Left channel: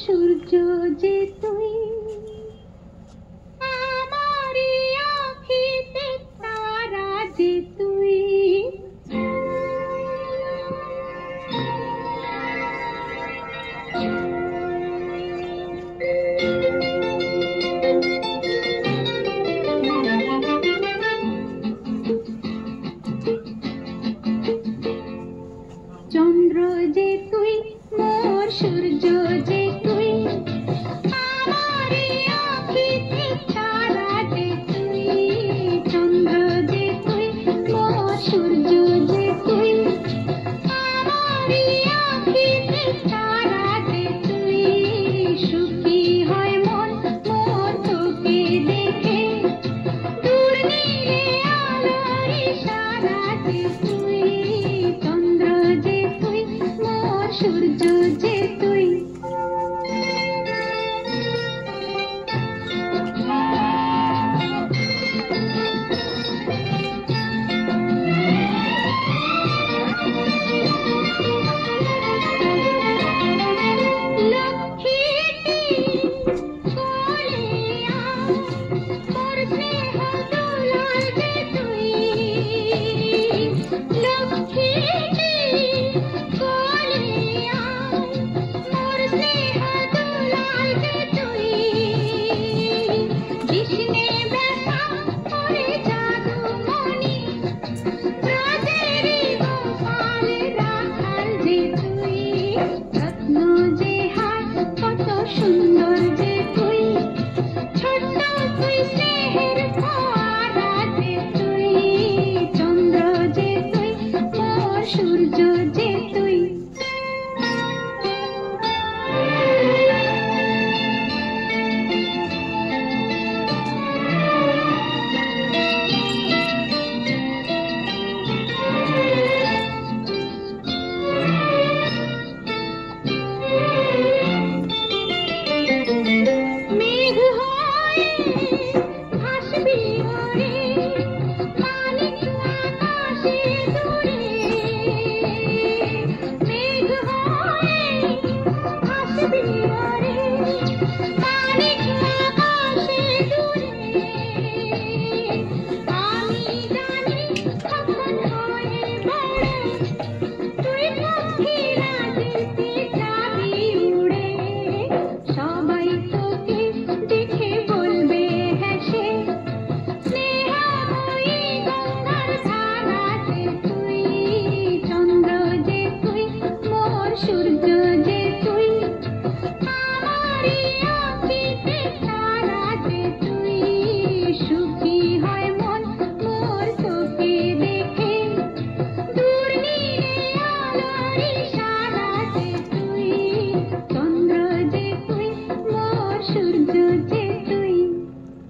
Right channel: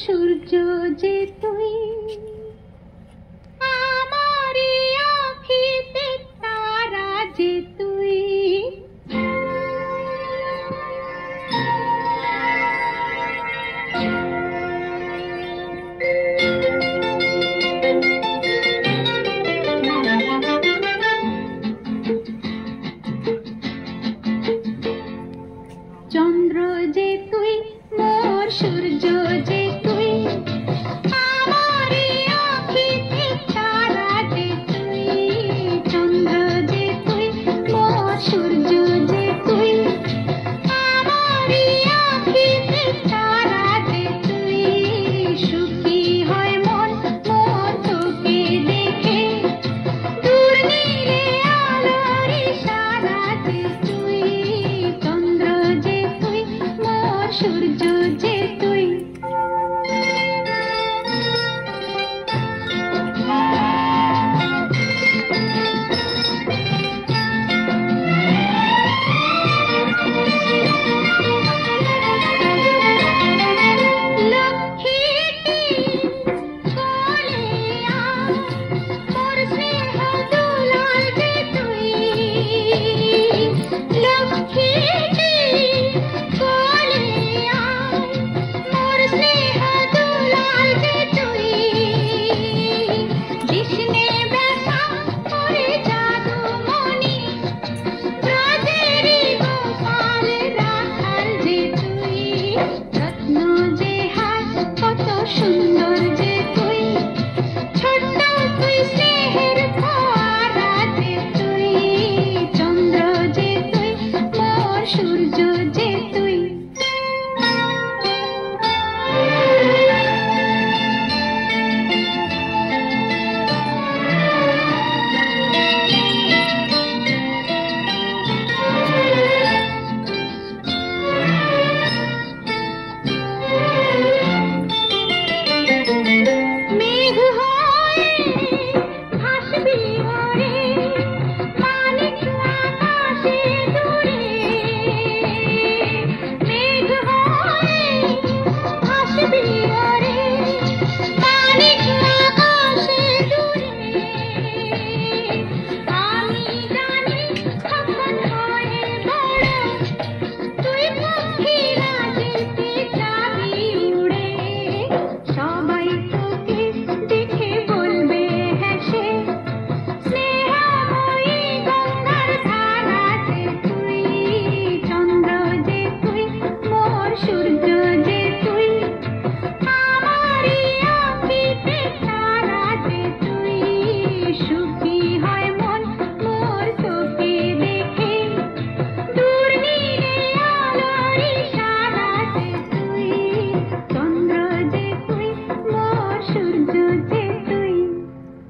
সূর্য যে তুই, আমারি আঁখিতে তারা যে তুই। চন্দ্র যে তুই, মোর সূর্য যে তুই, আমারি আঁখিতে তারা যে তুই। চন্দ্র যে তুই, মোর সূর্য যে তুই, আমারি আঁখিতে তারা যে তুই। সুখী হয় মন মোর তোকে দেখে, দূর নীলে আলোর ইশারা যে তুই। চন্দ্র যে তুই, মোর সূর্য যে তুই।